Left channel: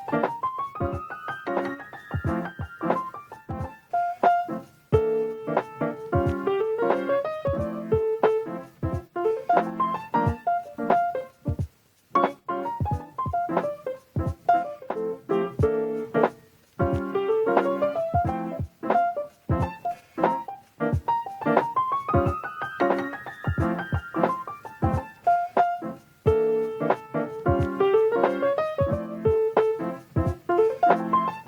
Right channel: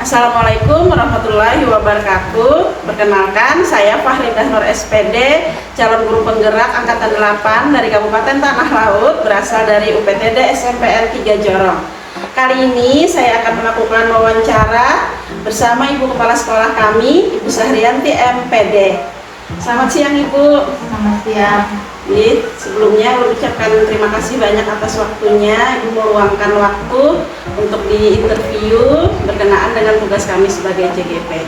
Assalamualaikum warahmatullahi wabarakatuh. Perkenalkan, saya Fahridah Nur SPD, calon guru penggerak angkatan 8 dari Kabupaten Tanah Laut, berasal dari UPTD SMPN 3 Jorong. Kali ini saya akan melakukan wawancara bersama Ibu Kepala Sekolah kami, Ibu Sahrianti MPD. Selamat siang Ibu. Selamat siang. Sebelumnya mengucapkan terima kasih banyak atas waktunya Ibu meluangkan waktu untuk diinterview berkenaan dengan tugas kami sebagai JGP.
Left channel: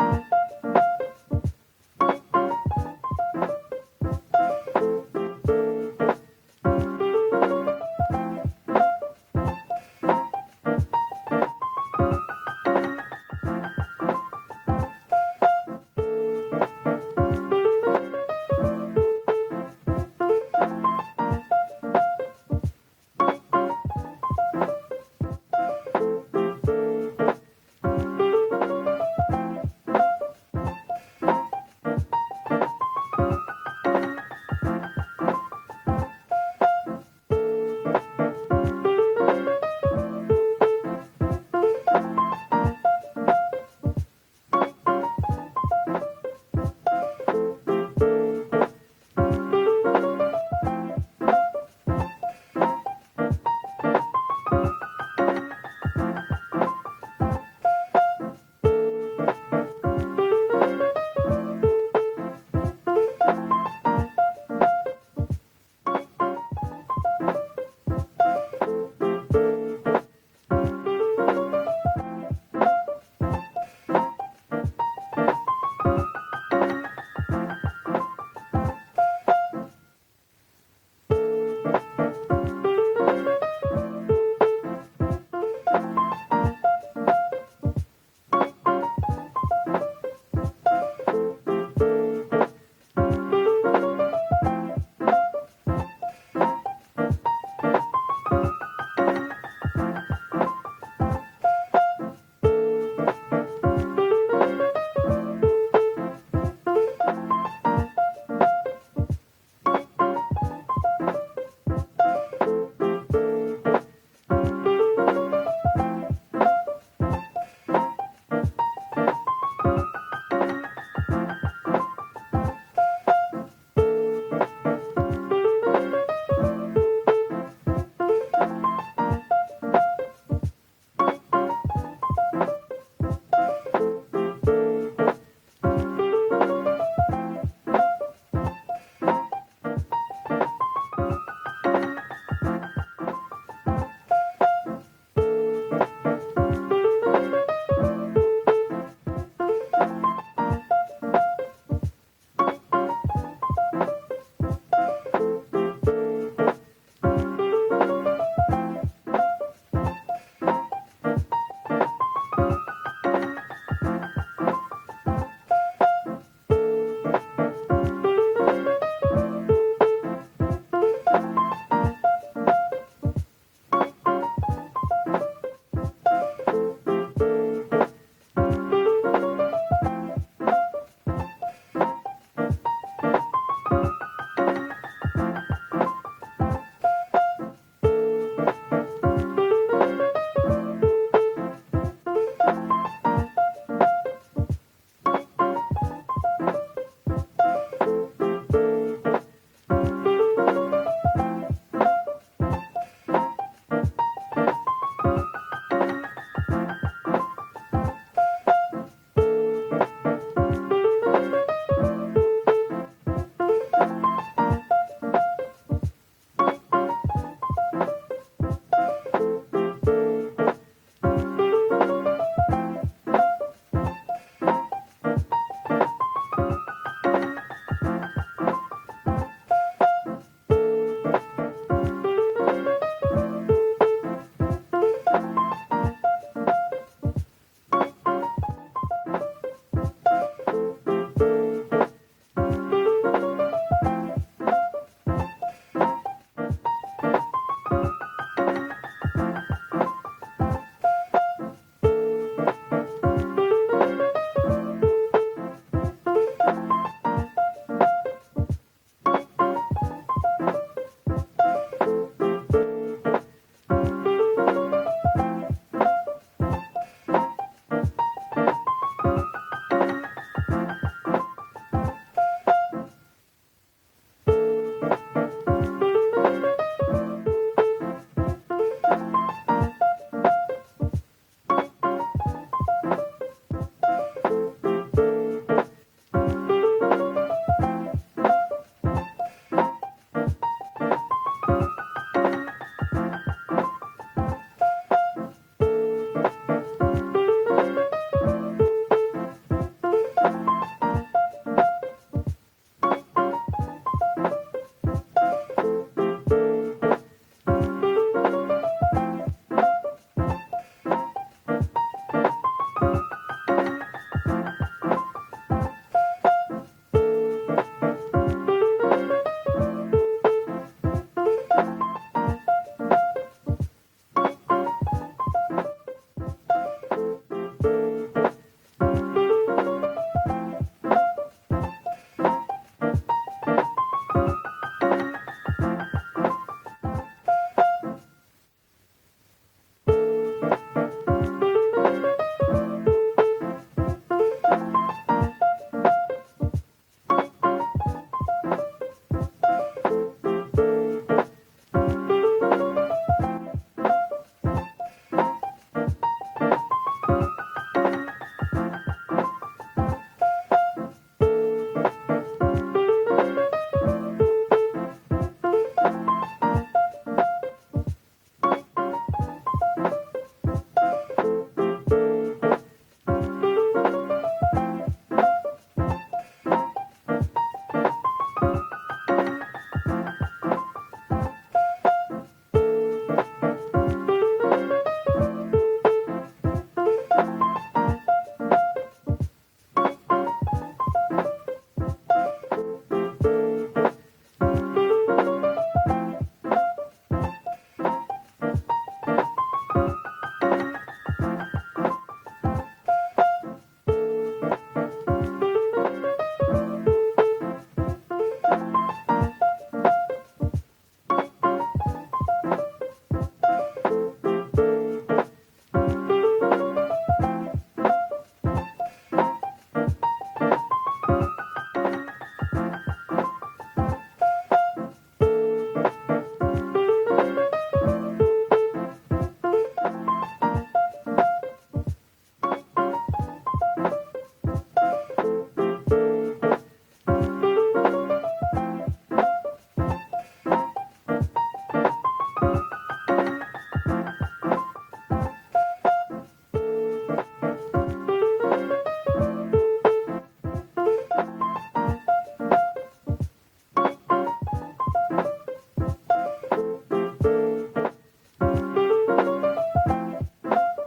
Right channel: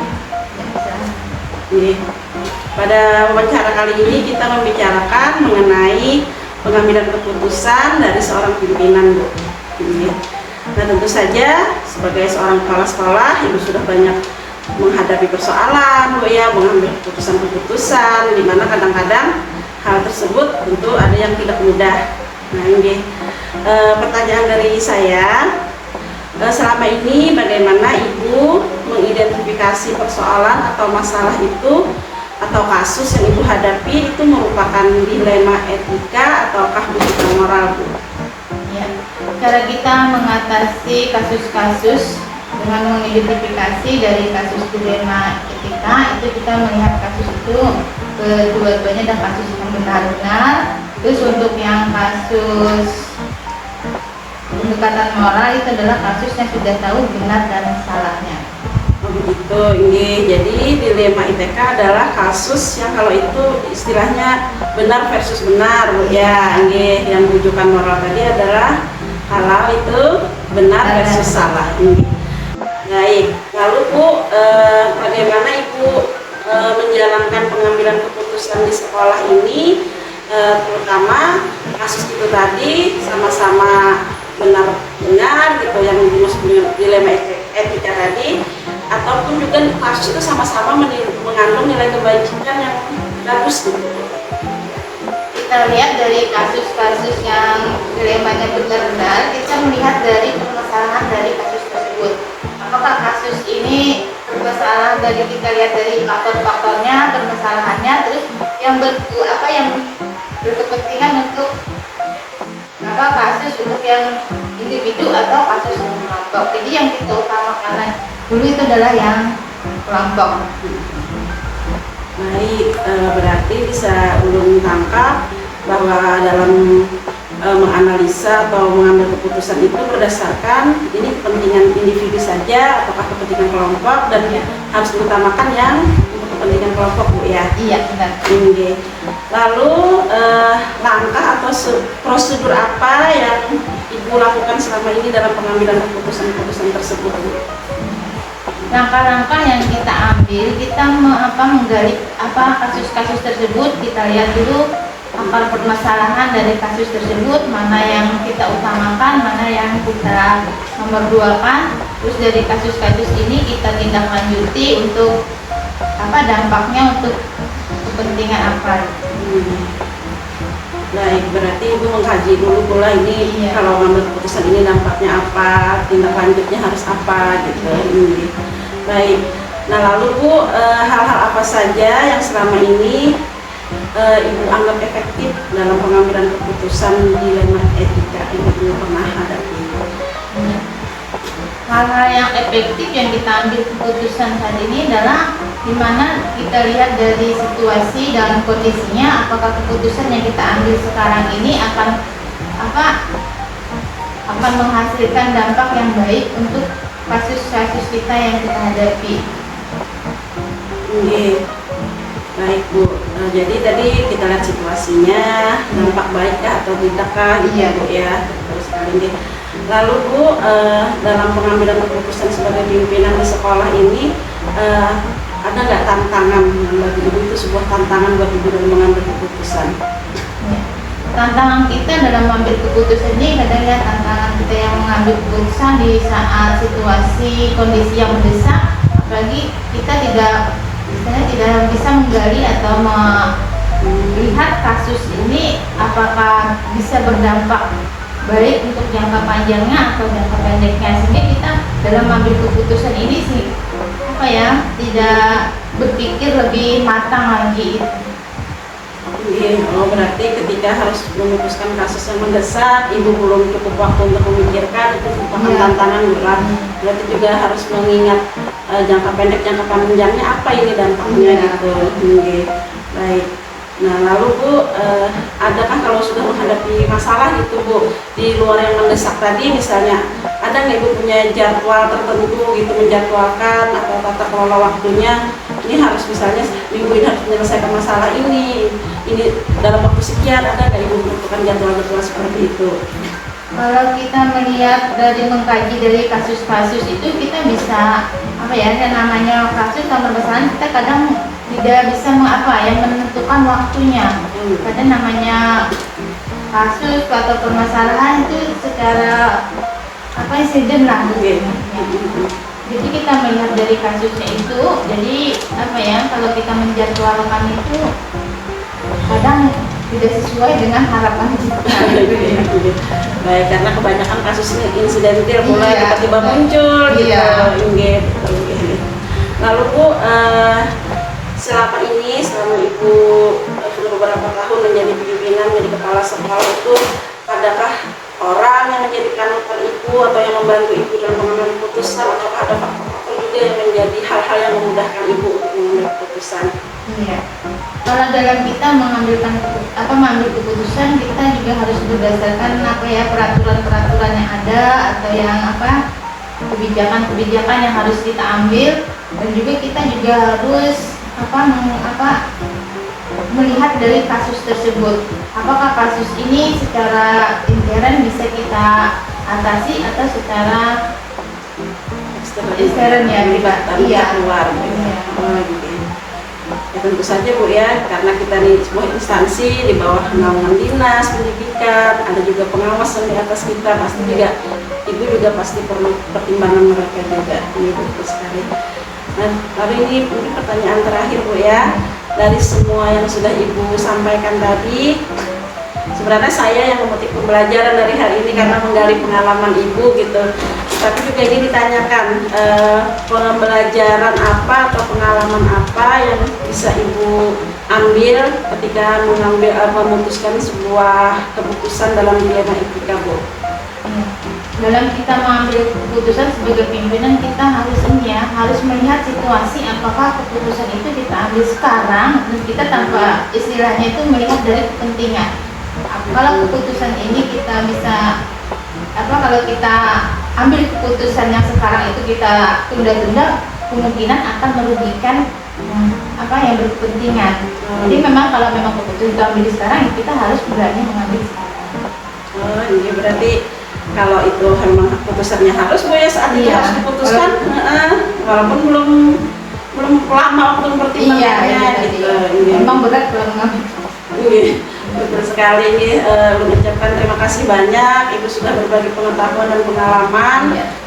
Pada wawancara kali ini kita membicarakan mengenai pengambilan keputusan dari seorang pimpinan, Bu. Nah, tentu saja sebagai seorang kepala sekolah Ibu sudah banyak menghadapi persoalan, Bu, ya, mengambil keputusan-keputusan di mana kadang-kadang hal tersebut tentu ada yang tidak mudah. Nah, ini pertanyaan dari saya, selama ini bagaimana Ibu mengidentifikasi persoalan atau masalah itu atau kasus yang Ibu hadapi itu merupakan dilema etika ataukah bukan moral, Bu? Ya, cara kita mengatasi kasus-kasus dengan mengidentifikasi dari kasus dilema etika itu kita melihat kasus itu kedua-duanya dan kasus yang benar-benar. Terus untuk yang kasus pendekatan moral itu adalah kasus yang sudah tahu benar dan salahnya. Begitu, ini jadi dilema ITK adalah kasus yang kalau itu istilahnya benar versus benar, ya. Ini yang rujukan moral tadi adalah halal itu benar versus salah. Baik, lalu Bu, bagaimana Ibu menjalankan pengambilan keputusan di sekolah ini, terutama kasus itu tadi sama-sama benar-benar gitu yang disebut dilema etika tadi, ataupun juga kasus itu sama-sama mengandung nilai kebajikan yang bagus, gitu. Kita lihat dari kasus-kasus yang dilemanya benar-benar, kita melihat dari permasalahan dari kasus tersebut. Apakah kasus ini bermasalah dari kita lihat dari faktor-faktornya, permasalahannya, terus yang berkepentingan untuk kasus untuk yang individu atau kasus yang kelompok. Jadi yang kita utamakan dulu itu adalah yang kelompok. Baik, berarti bisa ulun tangkap bahwa dalam menganalisa atau mengambil keputusan itu berdasarkan ini kepentingan individu saja ataukah kepentingan kelompok, dan harus diutamakan yang untuk kepentingan kelompok, Bu, ya. Iya, benar. Lalu langkah atau prosedur apa yang Ibu lakukan selama ini dalam pengambilan keputusan-keputusan tersebut, Bu? Langkah-langkah yang kita ambil, kita menggali kasus-kasus tersebut, kita lihat dulu akar permasalahan dari kasus tersebut, mana yang kita utamakan, mana yang kita nomor duakan. Terus dari kasus-kasus ini kita tindak lanjuti untuk dampaknya untuk kepentingan apa. Baik, berarti Ibu mengkaji dulu pula ini, iya, kalau mengambil keputusan ini dampaknya apa, tindak lanjutnya harus apa, gitu. Baik, nah lalu Bu, hal-hal apa saja yang selama ini Ibu anggap efektif dalam pengambilan keputusan dilema etika yang Ibu pernah hadapi? Hal-hal yang efektif yang kita ambil keputusan saat ini adalah dimana kita lihat dari situasi dalam kondisinya, apakah keputusan yang kita ambil sekarang ini akan menghasilkan dampak yang baik untuk kasus-kasus kita yang kita hadapi. Baik, Bu. Jadi tadi kita lihat situasinya, dampak baik atau tidakkah, iya, Bu, ya. Lalu Bu, dalam pengambilan keputusan sebagai pimpinan di sekolah ini, ada nggak tantangan yang bagi Ibu itu sebuah tantangan buat Ibu dalam mengambil keputusan? Tantangan kita dalam mengambil keputusan ini adalah tantangan kita yang mengambil keputusan di saat situasi kondisi yang mendesak, apalagi kita tidak bisa menggali atau melihat kasus ini apakah bisa berdampak baik untuk jangka panjangnya atau jangka pendeknya, sehingga kita dalam mengambil keputusan ini tidak berpikir lebih matang lagi. Iya, Oh, berarti ketika harus memutuskan kasus yang mendesak, ibu belum cukup waktu untuk memikirkan, itu merupakan tantangan berat. Berarti juga harus mengingat jangka pendek, jangka panjangnya apa ini dampaknya gitu. Oke. Baik. Nah, lalu Bu, adakah kalau sudah menghadapi masalah gitu Bu, di luar yang mendesak tadi misalnya, ada nggak Ibu punya jadwal tertentu gitu, menjadwalkan atau tata kelola waktunya, ini harus misalnya minggu ini harus menyelesaikan masalah ini dalam waktu sekian, ada nggak Ibu menentukan jadwal seperti itu? Kalau kita melihat dari mengkaji dari kasus-kasus itu, kita bisa apa ya, yang namanya kasus atau permasalahan, kita kadang tidak bisa menentukan waktunya. Kadang namanya kasus atau permasalahan itu secara insiden lah. Jadi kita melihat dari kasusnya itu, jadi kalau kita menjadwalkan itu kadang tidak sesuai dengan harapan kita. Baik, karena kebanyakan kasus ini insidentil, mulai tiba-tiba muncul gitu. Lalu Bu, selama Ibu sudah beberapa tahun menjadi pimpinan, menjadi kepala sekolah itu, adakah orang yang menjadi panutan Ibu atau yang membantu Ibu dalam mengambil keputusan, atau ada faktor juga yang menjadi hal-hal yang memudahkan Ibu untuk mengambil keputusan? Iya. Kalau dalam kita mengambil keputusan, kita juga harus berdasarkan peraturan-peraturan yang ada, atau yang kebijakan-kebijakan yang harus kita ambil, dan juga kita juga harus melihat dari kasus tersebut, apakah kasus ini secara intern bisa kita atasi atau secara ekstern ya, pribadi luar. Ya, tentu saja Bu ya, karena kita di sebuah instansi di bawah naungan dinas pendidikan, ada juga pengawas yang di atas kita, pasti juga Ibu juga pasti perlu pertimbangan mereka juga. Ini betul sekali. Nah, lalu ini mungkin pertanyaan terakhir Bu ya, dari semua yang sudah Ibu sampaikan tadi, sebenarnya saya yang memetik pembelajaran dari hal ini karena menggali pengalaman Ibu gitu. Tapi juga ini ditanyakan, pembelajaran apa atau pengalaman apa yang bisa Ibu ambil ketika memutuskan sebuah keputusan dalam dilema etika Bu? Dalam kita mengambil keputusan sebagai pimpinan, kita harus melihat situasi, apakah keputusan itu kita ambil sekarang dan kita tanpa istilahnya itu melihat dari kepentingan. Kalau keputusan ini kita bisa kalau kita ambil keputusan yang sekarang itu kita tunda-tunda, kemungkinan akan merugikan yang berkepentingan. Jadi memang kalau memang keputusan kita ambil sekarang, kita harus berani mengambil sekarang. Iya, berarti kalau itu memang keputusannya harus Bu ya, saat itu harus diputuskan, walaupun belum lama waktu pertimbangannya gitu. Memang berat kalau mengambil. Betul sekali. Ini mengucapkan terima kasih banyak, Ibu sudah berbagi pengetahuan dan pengalaman.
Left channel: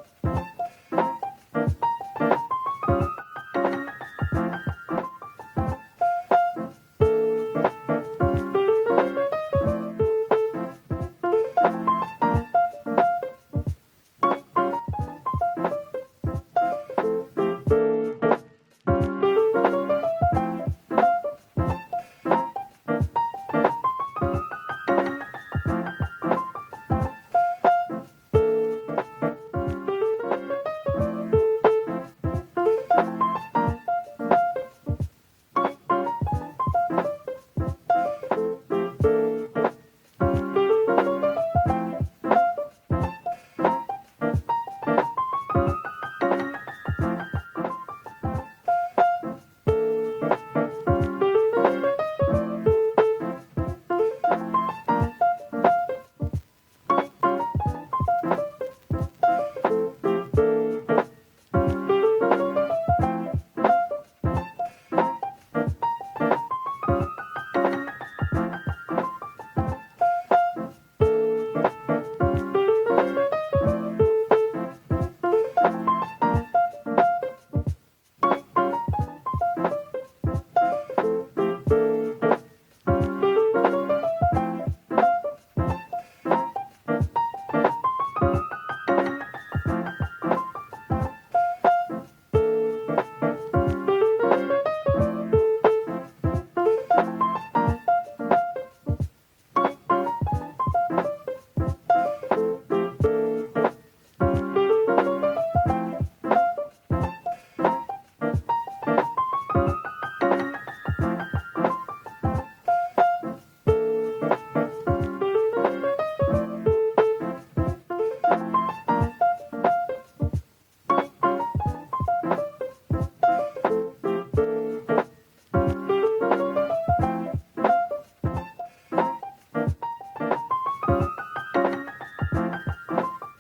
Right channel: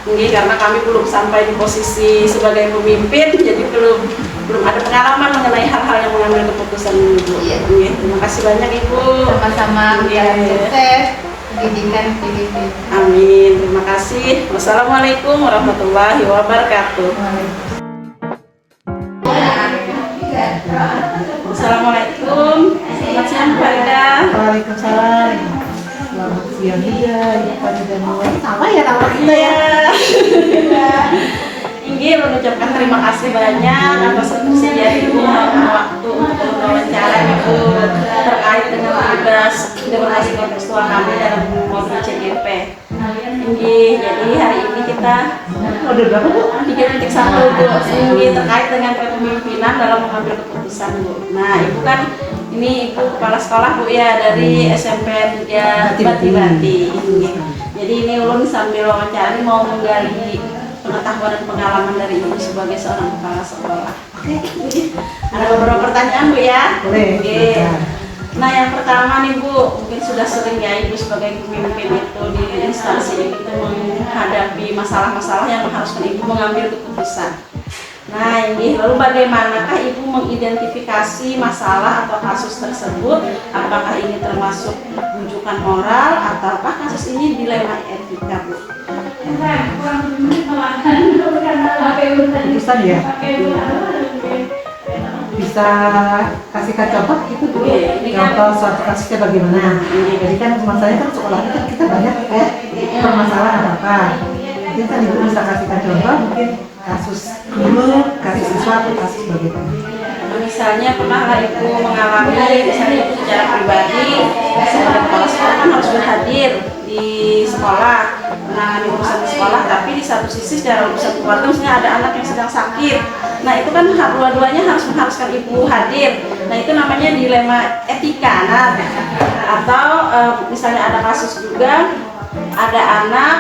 Ini karena kami belum sampai di posisi sebagai pemimpin, jadi belum ada pengalaman mengenai hal-hal yang mengambil keputusan Ibu. Terima kasih banyak Ibu. Sama-sama. Sukses pendidikan. Amin. Terima kasih. Wassalamualaikum warahmatullahi wabarakatuh. Assalamualaikum. Selamat siang Pak Ida. Waalaikumsalam. Selamat siang. Iya, sama ya nama kita ya. Ingin mengucapkan terima kasih banyak atas kesediaan Ibu waktu untuk wawancara Ibu terkait dengan tugas demokrasi kontekstual kami dalam program CGP. Jadi hari ini kita Udah berapa Bu? 3.1 Bu, ini terkait dengan kepemimpinan dalam mengambil keputusan Bu. Nah Ibu kan ini Ibu kepala sekolah Bu ya, dari SMP 3 Bati-Bati. Jadi ini Ulun sambil wawancara ini mau menggali pengetahuan dan pengalaman dari Ibu sebagai seorang kepala sekolah. Ada beberapa pertanyaan Bu ya. Boleh. Nah yang pertama nih Bu, mungkin sudah sering ya Ibu sebagai pemimpin itu di instansi itu menghadapi masalah-masalah yang mengharuskan Ibu mengambil keputusan. Nah ini, lalu bagaimanakah Ibu mengidentifikasi masalah atau kasus tersebut? Apakah ini termasuk rujukan moral ataukah kasus ini dilema etika Bu? Bisa ya? Bisa kasih kasihkan contoh gitu dulu. Ini kan- Contoh suatu kasusnya bagaimana. Jadi kan masalahnya kan sekolahnya kan kita banyak kayak permasalahan apa. Ini kan ibu bisa kasihkan contoh mungkin kasus dulu, kasus sesuatu, kasus bagaimana. Misalnya pernah ibu mengalami misalnya ibu secara pribadi sebagai kepala sekolah kan harus berhadir di sekolah menangani urusan di sekolah, tapi di satu sisi secara urusan keluarga misalnya ada anak yang sedang sakit, nah itu kan dua-duanya harus mengharuskan ibu hadir. Nah itu namanya dilema etika. Nah atau misalnya ada kasus juga ada anak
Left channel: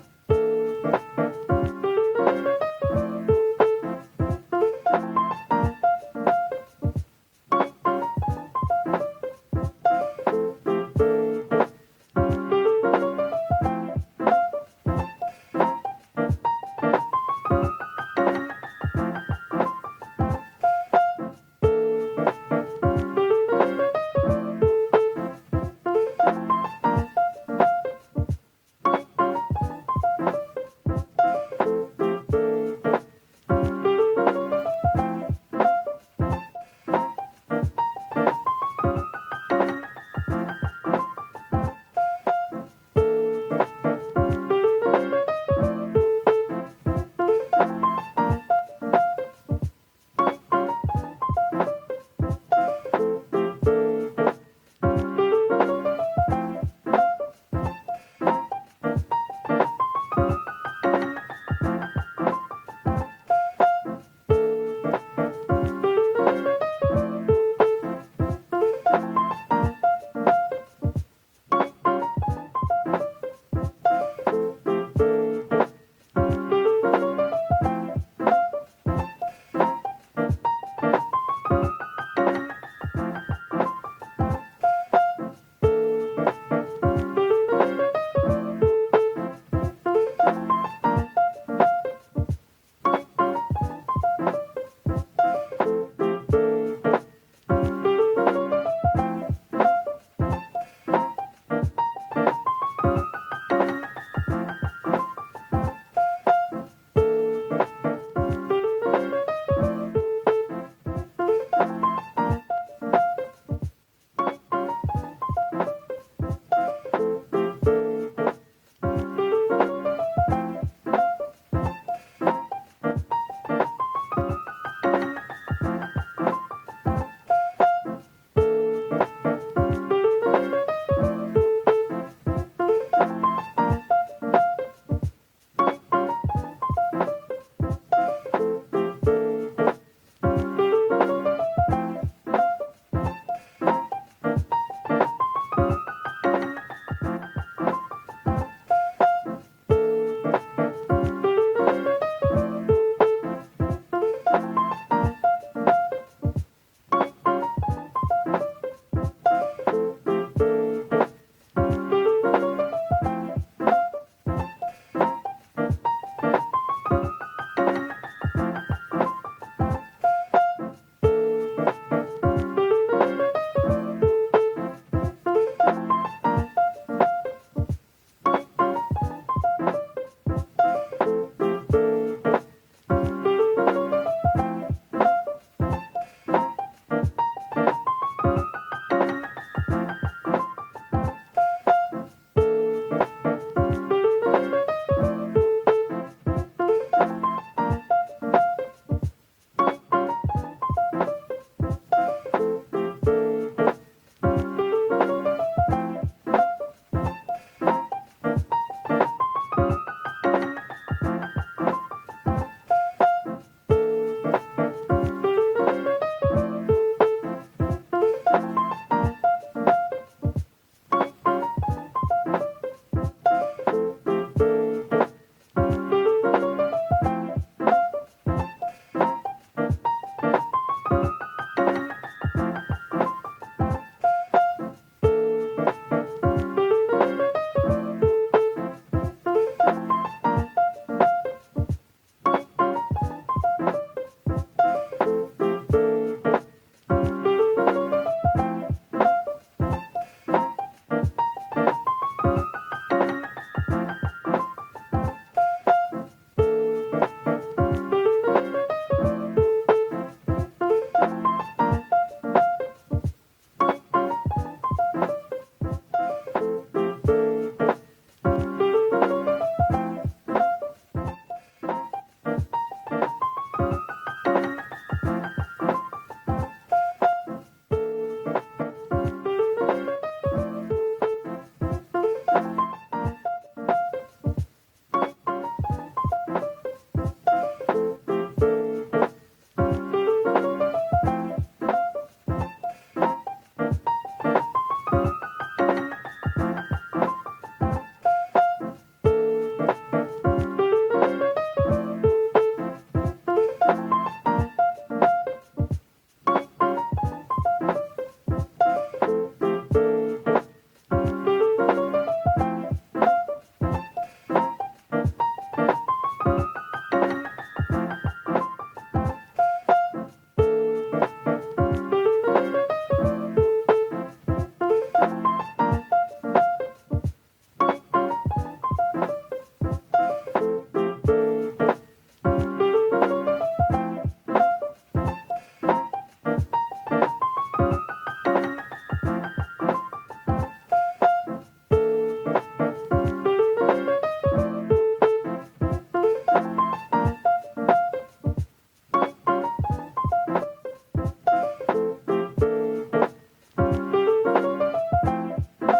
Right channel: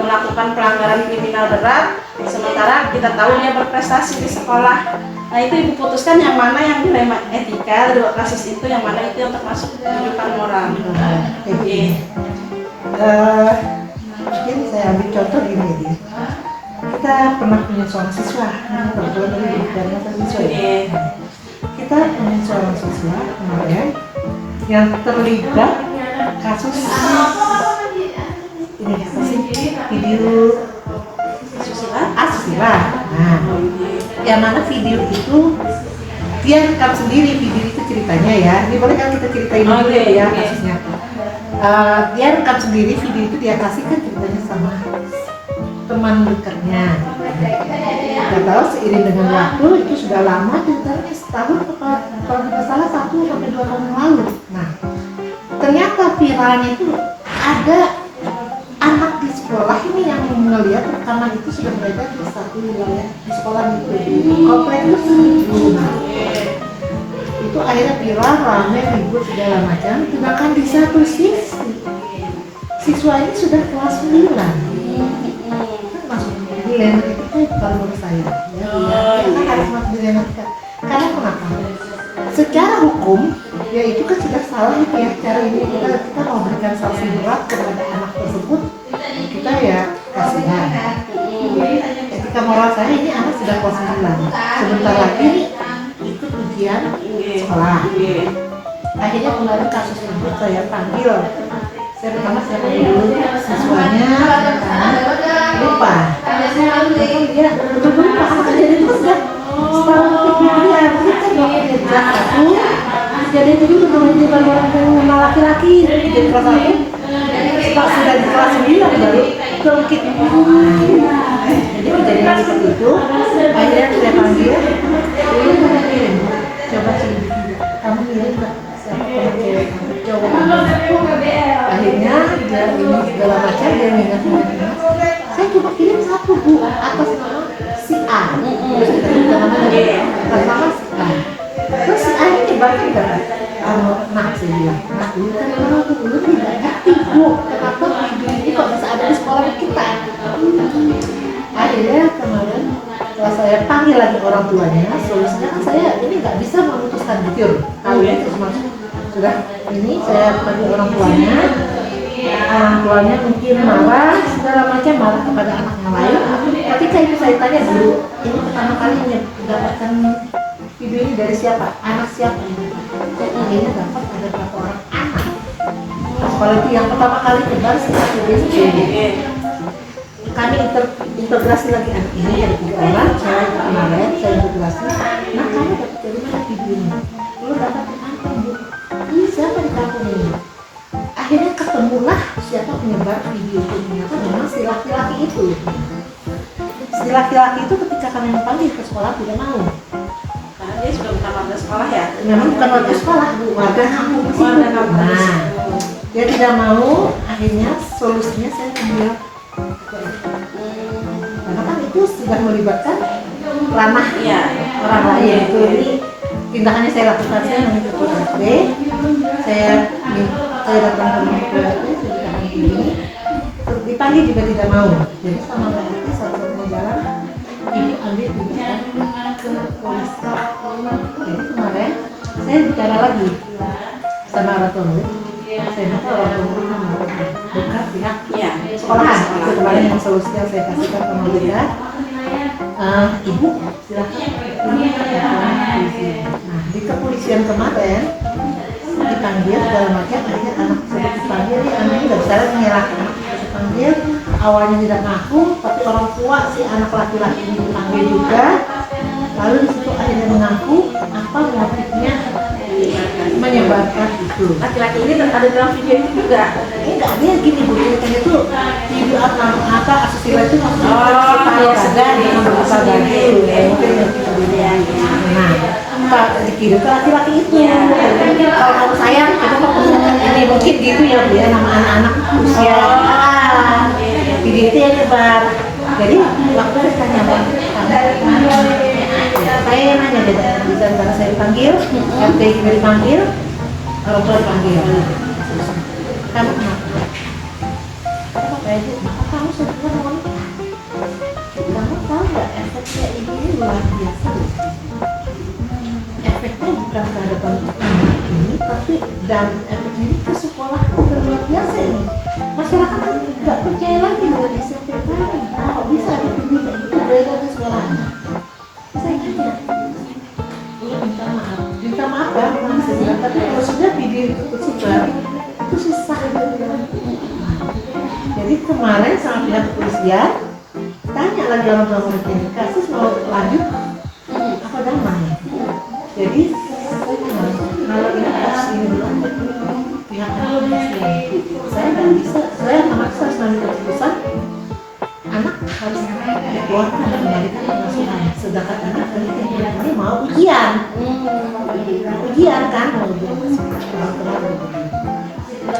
melakukan pelanggaran kriminal berat, sementara kita tahu dia berprestasi di sekolah. Nah itu ibu putuskan yang mana yang dilema etika dua kasus itu, yang mana itu yang termasuk kehidupan moral. Oke. Mungkin saya ambil contoh gini dia. Kita pernah punya seorang siswa, kebetulan dari bidangnya siswa ya. Kita punya seorang siswa kemudian yang terlibat kasus ini video asusila. Nah, yang mana video itu dia rekam sendiri, video itu ceritanya ya. Ini boleh kan kita ceritain dulu ya kasusnya. Dia rekam sendiri video itu, dia kasihkan ceritanya sama teman dekatnya. Kita tahu seiring dengan waktu itu sudah lama, ceritanya setahun kalau tidak salah 1 sampai 2 tahun yang lalu. Nah, ternyata viralnya itu ada anak di sekolah ini yang melihat rekaman itu sudah beredar di satu wilayah di sekolah itu di komplek itu. Nah, itu akhirnya viral, ramai, ribut segala macam. Bahkan di satu sisi siswa ini sudah kelas 9. Masuk dilema itu bukan menurut saya. Kita harus masuk dilema. Karena kenapa? Secara hukum, ya itu kan sudah salah ya. Cara ini kita mau berikan sanksi berat kepada anak tersebut, kita ya kasihan. Etika moral saya ini anak sudah kelas 9. Sebentar lagi ikut ujian sekolah. Akhirnya kemarin kasus itu saya panggil. Saya pertama saya panggil siswanya, lupa. Dia betul-betul anak jadi terus kan. Setahun kemudian kita dokter kelas 1. Jadi itu bukan orang yang laki-laki jadi kelas 1. Setelah sudah di kelas 9 baru bangkit. Jadi kejadian seperti itu. Akhirnya saya panggil, dulu kamu kirim, coba sih, kamu kirim ke cewek, coba. Akhirnya dia ini segala macam, dia ingat. Saya coba kirim satu bu atas nama si A. Terus kita juga namanya atas nama si A. Terus si A ini balik enggak? Nah saya bilang, nah ini kan orang tuh dulu tidak ngerti bu, kenapa video ini kok bisa ada di sekolah kita? Akhirnya kemarin setelah saya panggil lagi orang tuanya, solusinya saya ini nggak bisa memutuskan jujur, tahu ya terus masuk sudah ini saya panggil orang tuanya mungkin marah segala macam, marah kepada anak yang lain. Ketika itu saya tanya dulu, ini pertama kali mendapatkan video ini dari siapa? Anak siapa? Ini dapat ada berapa orang anak? Sekolah itu yang pertama kali tebar setelah kami integrasi lagi anak ini dari 3 orang, saya kemarin saya integrasi. Nah kamu dapat dari mana video ini? Lu dapat di kampung bu? Ini siapa di kampung ini? Akhirnya ketemulah siapa penyebar video ini. Memang si laki-laki itu. Si laki-laki itu ketika kami panggil ke sekolah tidak mau. Karena dia sudah bukan warga sekolah ya. Memang bukan warga sekolah, warga kampung di situ. Nah, dia tidak mau. Akhirnya solusinya saya bilang, karena kan itu sudah melibatkan ranah Iya. orang lain itu. Jadi tindakannya saya lakukan, saya meminta ketua RT, saya datang ke rumah ketua RT, saya bilang begini, dipanggil juga tidak mau. Jadi sama RT satu jalan, ibu ambil tindakan ke polisi. Jadi kemarin saya bicara lagi sama orang tua murid, saya minta orang tua murid bukan pihak Iya. sekolahan. Itu kemarin yang solusi yang saya kasihkan ke mereka. Ibu silakan. Nah di kepolisian kemarin dipanggil segala macam, akhirnya anak saya dipanggil, anaknya nggak bisa lagi menyerahkan. Dipanggil awalnya tidak ngaku, tapi orang tua si anak laki-laki ini dipanggil juga. Lalu di situ akhirnya mengaku apa yang menyebarkan itu. Laki-laki ini ada dalam video itu juga. Enggak, dia gini Bu, ceritanya tuh video apa asusila itu iya, sedang apa dari nah Pak Diki itu laki-laki itu kalau kamu sayang ini mungkin gitu ya Bu ya, nama anak-anak usia video itu yang nyebar. Jadi waktu saya tanya Pak, saya nanya bisa antara saya dipanggil, RT dipanggil, orang tua dipanggil. Kamu kenapa? Kamu sebenarnya kamu tahu nggak efeknya ini luar biasa. Efeknya bukan terhadap anak ini, tapi dan efeknya ini ke sekolah luar biasa ini. Masyarakat kan nggak percaya lagi dari SMP tadi. Kok bisa dipilih itu dari sekolahnya? Saya tanya, minta maaf ya, tapi kalau sudah video itu tersebar itu susah. Jadi kemarin sama pihak kepolisian tanya lagi orang tua muridnya, kasus mau lanjut apa damai? Jadi kalau ini kasus ini berlanjut pihak kepolisian saya nggak bisa, saya memaksa selanjutnya keputusan anak harus dikeluarkan dan kembalikan ke pengasuhan. Sedangkan anak ini mau ujian kan,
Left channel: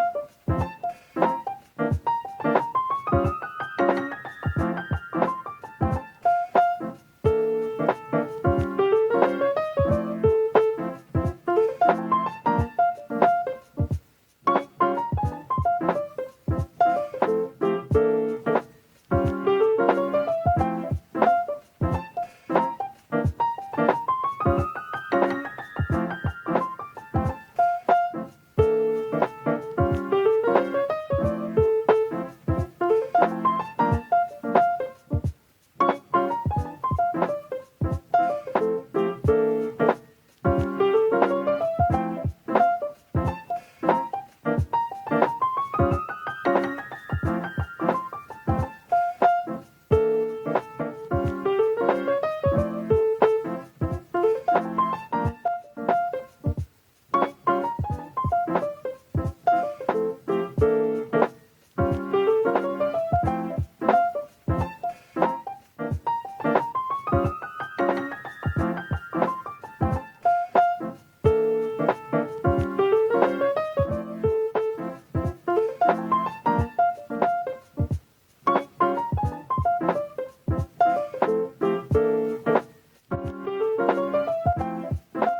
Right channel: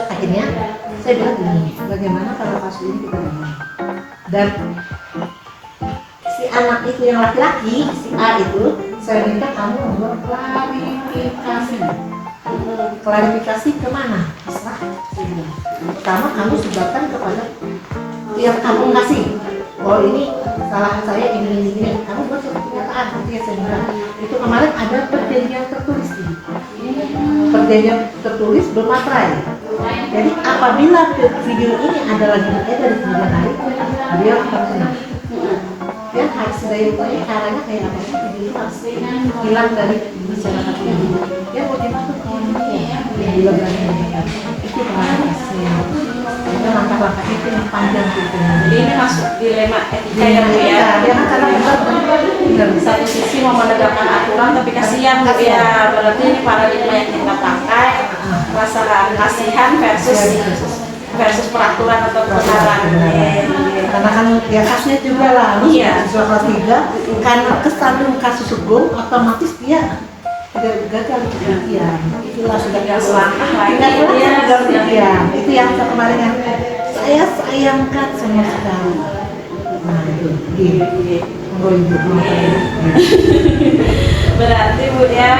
akhirnya saya bilang gini, bagaimana kalau kasus ini kita damai? Dan si anak itu yang laki-laki, si A itu, saya minta kamu membuat klarifikasi kemana? Terserah. Pertama kamu sebarkan kepada yang kamu kasih. Oh ini salah saya ini. Kamu buat pernyataan ketika saya bilang itu kemarin ada perjanjian tertulis ini. Perjanjian tertulis bermaterai. Jadi apabila video ini ada lagi beredar di kemudian hari, dia akan kena. Dan harus dari itu caranya kayak apa? Video itu harus hilang dari masyarakat ini. Dia mau dimaksud kawannya yang bilang dari mereka. Itu bahaya. Itu langkah-langkah itu yang panjang gitu. Jadi ini masuk dilema etika ya Bu ya. Dia kan karena benar Di satu sisi mau menegakkan aturan tapi kasihan Bu ya. Berarti ini paradigma yang kita pakai rasa kasihan versus peraturan atau kebenaran. Karena kan ya kasusnya juga lah, Iya. siswa kelas 3 karena kesandung kasus hukum otomatis dia gagal pembuktian. Itulah sudah Tinggal selangkah lagi dia pembuktian. Itu yang kemarin yang saya sayangkan sama sekali. Nah itu, gini. Berarti Bu ya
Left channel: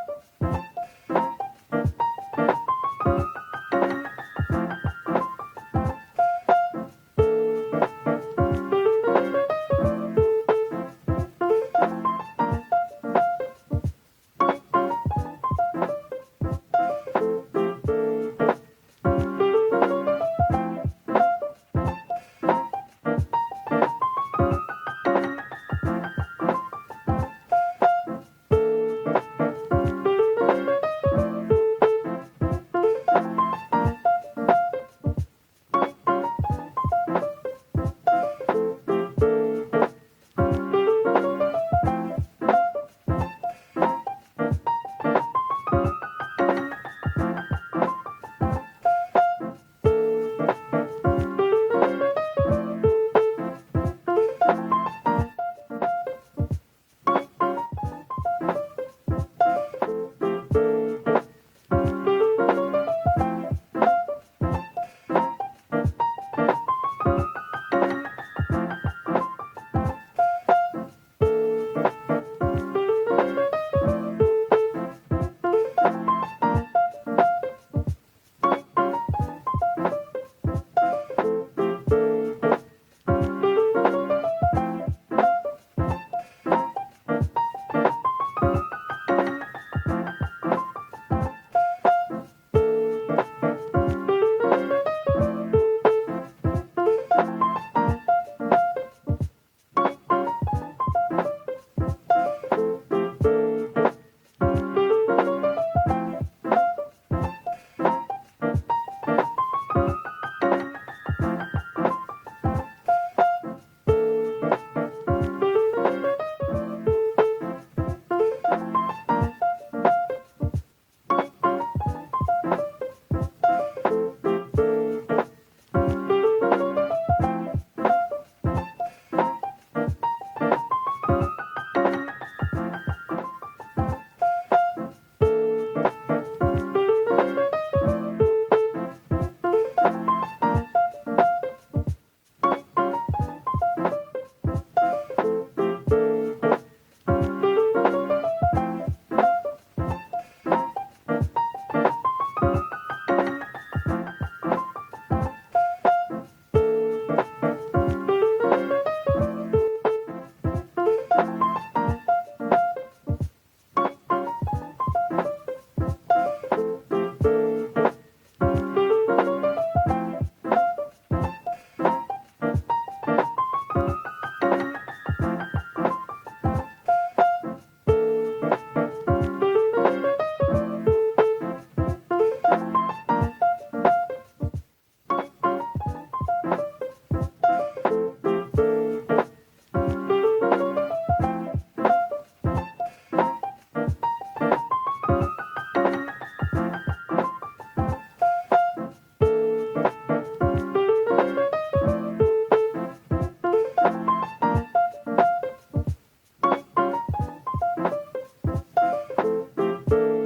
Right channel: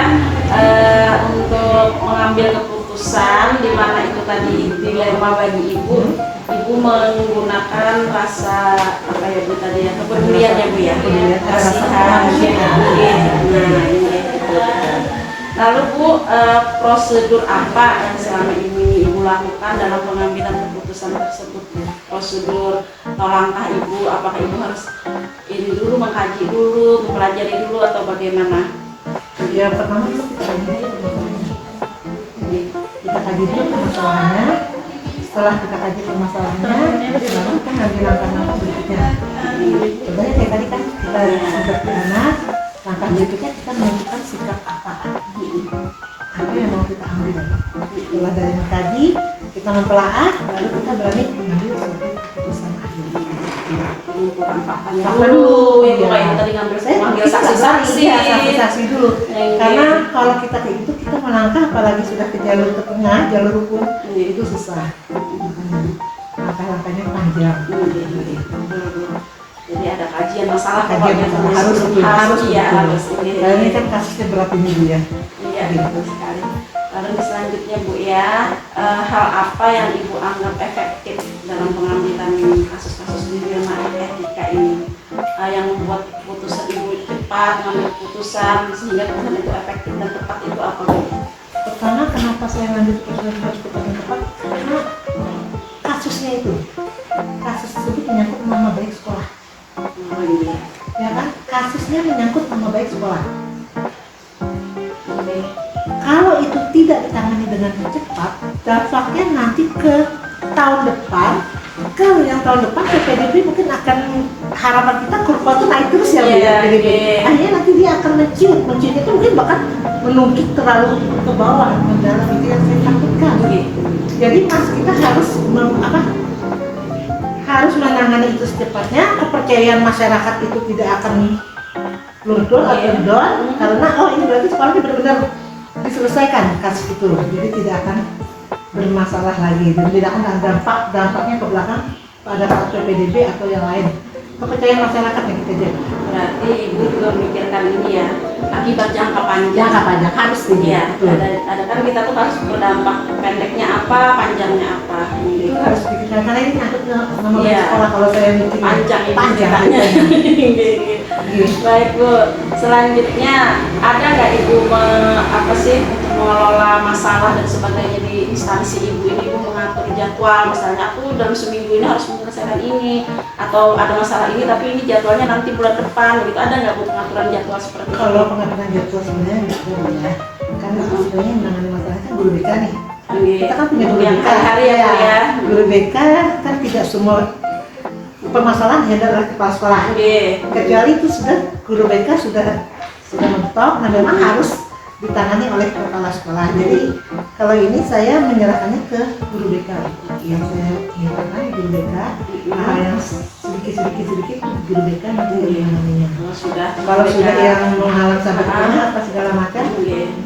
untuk mengambil keputusan di mana itu tadi dilema bagi ibu menggunakan rasa apa ya Bu tadi ya, kepedulian ya Bu ya, kasihan ya. Nah ini. Lalu Bu prosedur apa yang selama ini Ibu lakukan dalam pengambilan keputusan tersebut? Prosedur atau langkah Ibu, apakah Ibu harus ini dulu, mengkaji dulu, mempelajari dulu atau bagaimana? Ya pertama kita kaji dulu permasalahannya. Setelah kita kaji permasalahannya, lalu kita ngambil langkah-langkah berikutnya. Contohnya kayak tadi kan kita sudah pernah langkah berikutnya kita menentukan sikap apa. Apa yang mau kita ambil. Setelah dari mengkaji, kita mentelaah, lalu kita berani mengambil keputusan. Apa dulu? Ibu kayak tadi ngambil saksi-saksi dulu. Karena kalau kita kayak gitu kita melangkah apalagi sudah ke jalur ke tengah, jalur hukum itu susah. Langkah-langkahnya panjang. Jadi ada kajian masalah Kajian masalah harus. Dan ini kan kasusnya berapa minggu ya? Iya, betul sekali. Lalu selanjutnya Bu ya, hal apa yang Ibu anggap efektif dalam pengambilan kasus-kasus dilema etika ini, yang membuat keputusan Ibu cepat mengambil keputusan sehingga keputusan itu efektif dan tepat itu apa Bu? Pertama, kenapa saya ngambil keputusan tepat? Karena kasusnya itu, kasus tersebut menyangkut nama baik sekolah. Oh iya. Ya kan, kasusnya menyangkut nama baik sekolah. Kalau itu tidak ditangani dengan cepat, dampaknya nanti ke tahun depan, ke yang tahun depan PPDB mungkin akan harapan kita kurva itu naik terus ya Bu, Iya, ya PDB. iya. Akhirnya nanti dia akan menciut itu mungkin bahkan menukik terlalu ke bawah mendalam, itu yang saya takutkan. Jadi mas kita harus harus menangani itu secepatnya. Kepercayaan masyarakat itu tidak akan luntur atau down karena ini berarti sekolahnya benar-benar diselesaikan kasus itu, jadi tidak akan bermasalah lagi dan tidak akan ada dampaknya ke belakang pada saat PPDB atau yang lain. Kepercayaan masyarakat yang kita jaga. Berarti ibu juga memikirkan ini ya, akibat jangka panjang. Jangka panjang harus ini. Iya, ada kan kita tuh harus berdampak pendeknya apa, panjangnya apa. Itu harus dipikirkan karena ini nyangkut ke nama Iya. sekolah. Kalau saya mikir Panjang ini panjang. ceritanya. Iya. Baik Bu, selanjutnya ada nggak Ibu mengelola masalah dan sebagainya di instansi Ibu ini, Bu mengatur jadwal, misalnya aku dalam seminggu ini harus menyelesaikan ini, atau ada masalah ini tapi ini jadwalnya nanti bulan depan, gitu. Ada nggak Bu pengaturan jadwal seperti itu? Kalau pengaturan jadwal sebenarnya nggak boleh ya. Karena sebenarnya yang menangani masalah kan guru BK nih. Kita kan punya guru Yang BK. hari-hari ya, Bu ya. Guru BK kan tidak semua permasalahan dihadapi oleh kepala sekolah. Kecuali itu sudah guru BK sudah mentok, nah memang harus ditangani oleh kepala sekolah. Jadi kalau ini saya menyerahkannya ke guru BK. Yang saya mintakan guru BK, hal yang sedikit guru BK itu yang namanya. Kalau sudah yang menghalang sampai ke apa segala macam,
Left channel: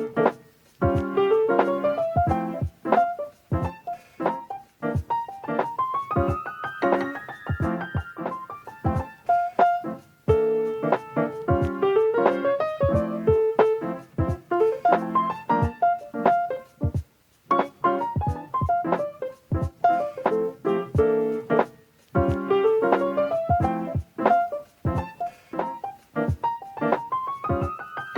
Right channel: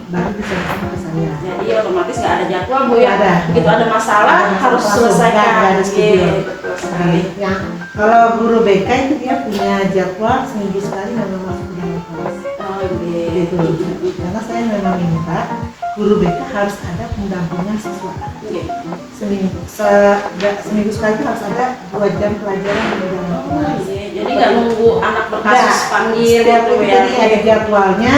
baru bisa ke saya. Jadi otomatis nggak ada jadwal Bu ya. Ada. Begitu ada masalah harus selesaikan. Sekali. Ya, kalau guru BK itu dia punya jadwal seminggu sekali memang masuk di kelas. Gitu. Karena saya memang minta guru BK harus ada pendampingan siswa. Seminggu sekali harus ada 2 jam pelajaran dengan kelas. Jadi nggak nunggu anak berkasus panggil gitu ya. Jadi ada jadwalnya.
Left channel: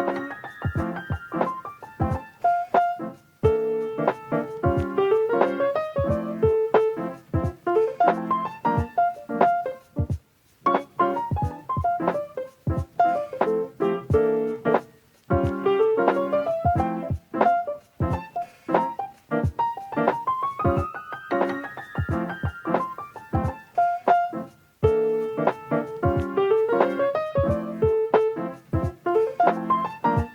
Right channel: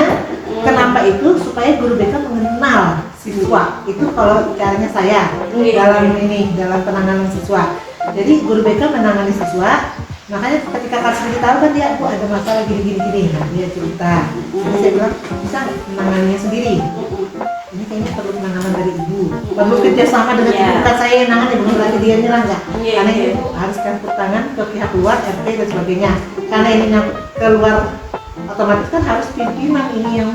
Kenapa itu? Supaya guru BK mengenal siswa. Itu kalau caranya saya dalam penanganan siswa. Jadi guru BK menangani siswa. Makanya ketika kasus kita tahu kan dia ada masalah gini. Nah, dia cerita. Terus saya bilang bisa menanganinya sendiri. Ini kayaknya perlu penanganan dari ibu. Perlu kerjasama dengan ibu, bukan saya yang nangani, bukan lagi dia nyerang nggak. Karena itu harus campur tangan ke pihak luar, RT dan sebagainya. Karena ini keluar otomatis kan harus pimpinan ini yang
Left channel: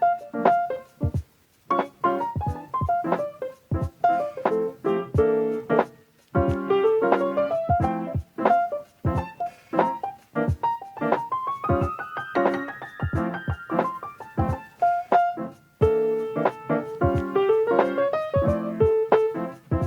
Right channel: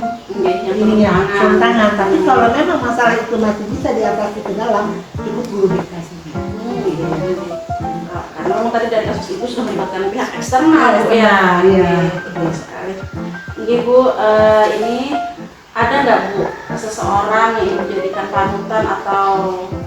turun tangan. Tapi kalau memang masalah itu masih bisa diatasi ke dalam, itu guru BK sendiri. Karena tadi dari kasus itu sudah melibatkan pihak eksternal ya. Iya. Ini Bu, ini ada nggak Bu seseorang yang menjadikan panutan atau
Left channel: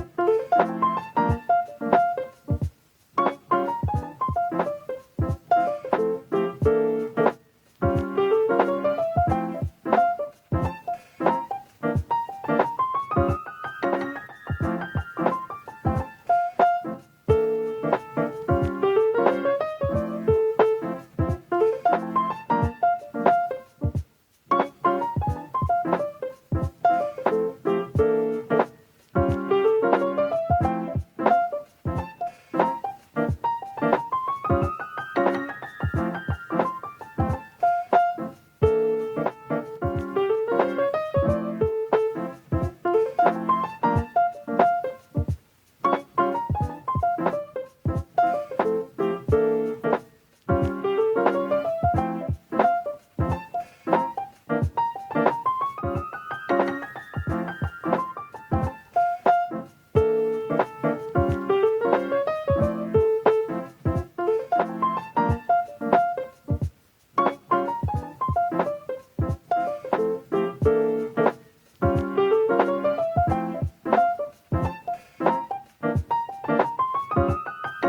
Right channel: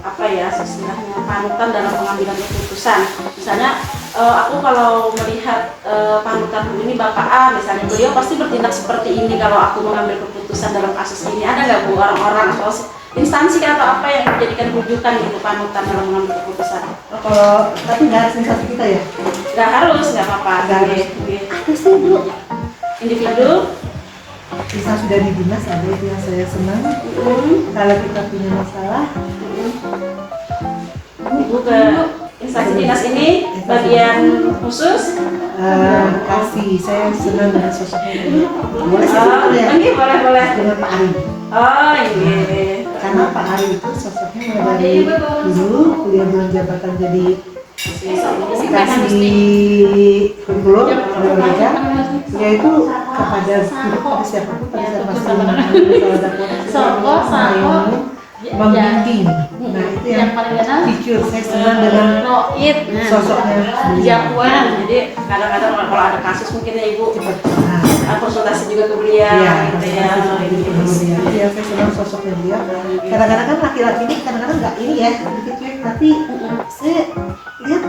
apa ya istilahnya panutan dalam pengambilan keputusan? Misalnya aku kalau melihat panutan ini Bapak A misalnya, beliau pasti bertindak seperti ini kalau aku mengambil keputusan dalam kasus ini. Ada nggak Bu orang-orang atau instansi atau apa yang menjadikan rujukan gitu panutan dalam mengambil keputusan? Kalau tapi nggak harus instansi kita ya? Nggak harus, nggak apa-apa. Ada sih Bu. Individu. Bisa sudah di dinas ada itu yang saya senang. Kalau kita punya masalah, Ibu ke instansi dinas ini bagian khusus. kasih saya senang dengan sosoknya. Boleh saya sebut ya? Ini boleh. Dengan Pak Ari. Oh iya. Karena Pak Ari itu sosoknya mulai dari dulu kuliah belum jabatan jadi kasih kurikulum oleh yaitu kepada siapapun pada saat masih membimbing. Nah itu yang jujur saya senang dengan sosoknya. Jadwal. Jadi kadang-kadang kalau ada kasus mungkin ya Ibu konsultasi juga ke beliau gitu ya. Iya, saya senang sosoknya dia. Kadang-kadang kan laki-laki ini kadang-kadang nggak ini ya, sedikit cuek, tapi saya lihat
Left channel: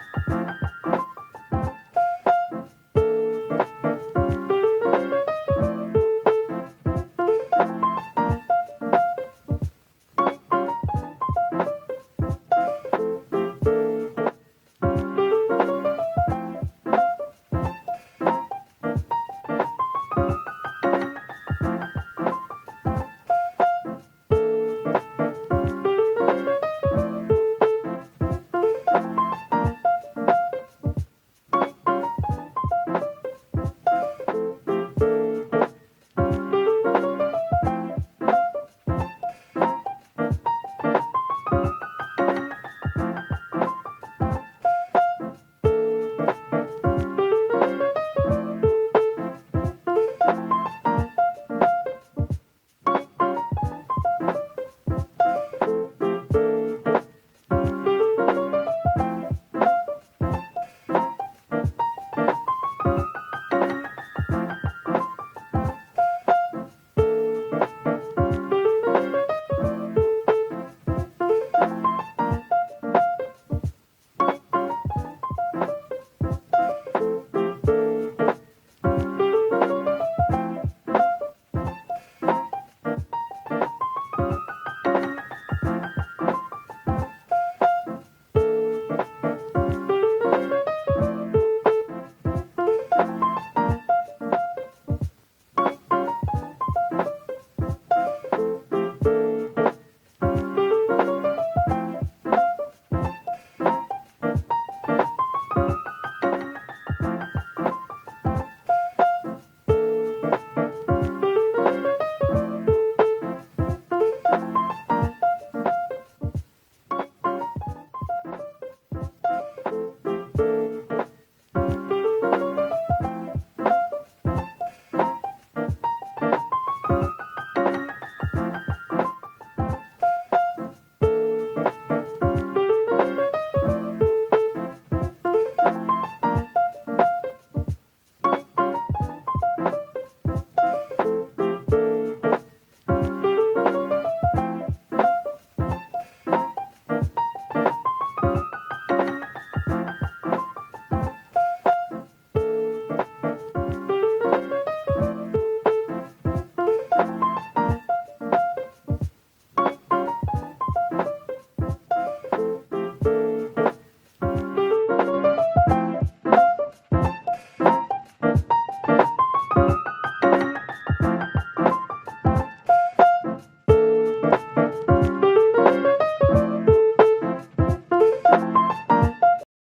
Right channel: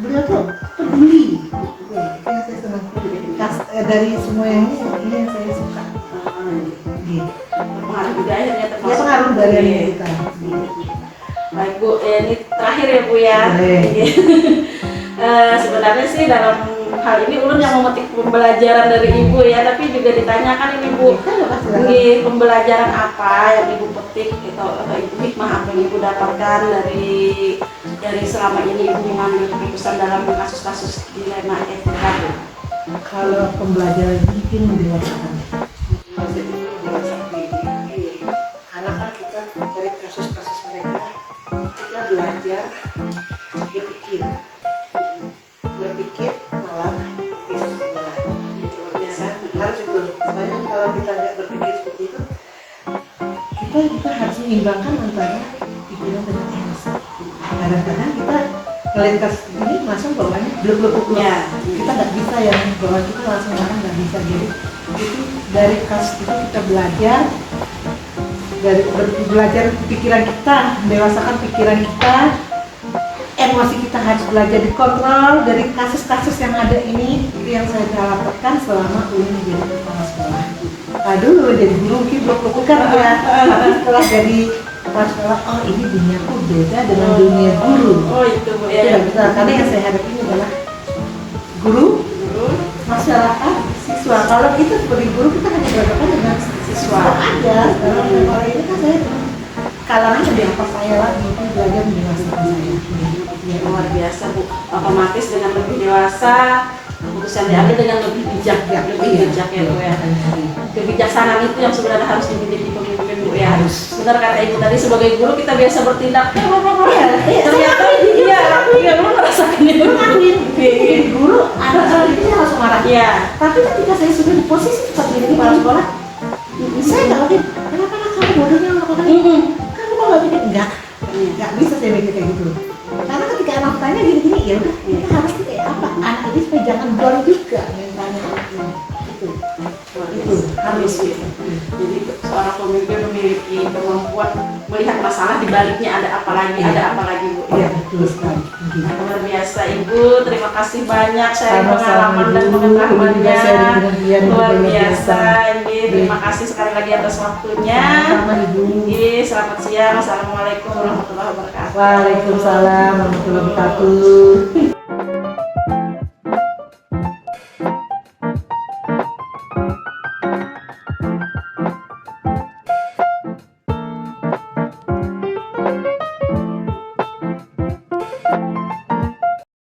beliau tuh peduli. Yang saya senang dari semua yang ini yang saya suka. Pengaruh budaya ternyata. Ya pengaruh dari yang kita. Baik Bu, ini terakhir ya Bu ya. Sebenarnya sih dalam hal ini ulun yang memetik pembelajaran dari Ibu ya, tapi juga ditanyakan ini Bu, ini pembelajaran apa yang Ibu petik gitu, hikmah apa yang Ibu dapatkan dari selama ini Ibu mengambil keputusan dalam kasus-kasus dilema etika. Kalau pembelajaran mungkin mendengarkan. Karena kan kita dari kasus-kasus mereka kita belajar berpikir malah menyeimbangkan antara pikiran dan emosi. Kadang-kadang kita melintas ini langsung bawaannya blok-blok. Ya. Kita nggak bisa yang bahwa kita langsung ngomong, nggak bisa gitu. Itu dari kasus itu kita belajar, dari belajar pikiran kita, mendewasakan pikiran kita, emosi kita harus belajar dikontrol dari kasus-kasus yang ada ini. Itu yang saya dapatkan selama ini jadi kepala sekolah. Aduh, jadi guru mungkin bukan ya, tapi setelah jadi kepala sekolah, oh ini duniaku beda dengan dunia guru. Oh itu Bu Itu ya. nggak bisa, karena yang saya hadapi adalah guru, masyarakat, siswa. Kalau kita sebagai guru kita hanya berhadapan dengan siswa aja. Kalau ini kan saya kalangan di atas saya lagi, itu belajar mendewasakan saya. Ya, luar biasa Bu. Otomatis dengan lebih dewasa, keputusan diambil dengan lebih bijak ya, lebih bijak ya Bu ya. Kebijaksanaan itu yang sebenarnya harus dimiliki pemimpin Bu ya. Benar kata Ibu tadi, sebagai guru kita biasa bertindak. Ternyata iya lu merasakan itu. Jadi guru anak itu harus marah. Iya. Tapi ketika saya sudah di posisi seperti ini kepala sekolah, saya nggak ngerti kenapa anak kamu bodohnya melakukan ini. Kamu kok nggak pikir nggak bisa saya mikir kayak gitu. Karena ketika anak tanya gini-gini ya udah, kita harusnya kayak apa? Anak ini supaya jangan down juga mentalnya. Itu Harus gitu. Jadi seorang pemimpin memiliki kemampuan melihat masalah di baliknya ada apa lagi Bu. ya betul sekali. Luar biasa Ibu, terima kasih banyak sharing Sama-sama, pengalaman dan Ibu. pengetahuannya. Juga sharing dengan dia, Luar luar biasa biasa. ini. Terima kasih sekali lagi atas waktunya. Sama Ibu. Ini selamat siang. Assalamualaikum warahmatullahi wabarakatuh. Waalaikumsalam warahmatullahi wabarakatuh.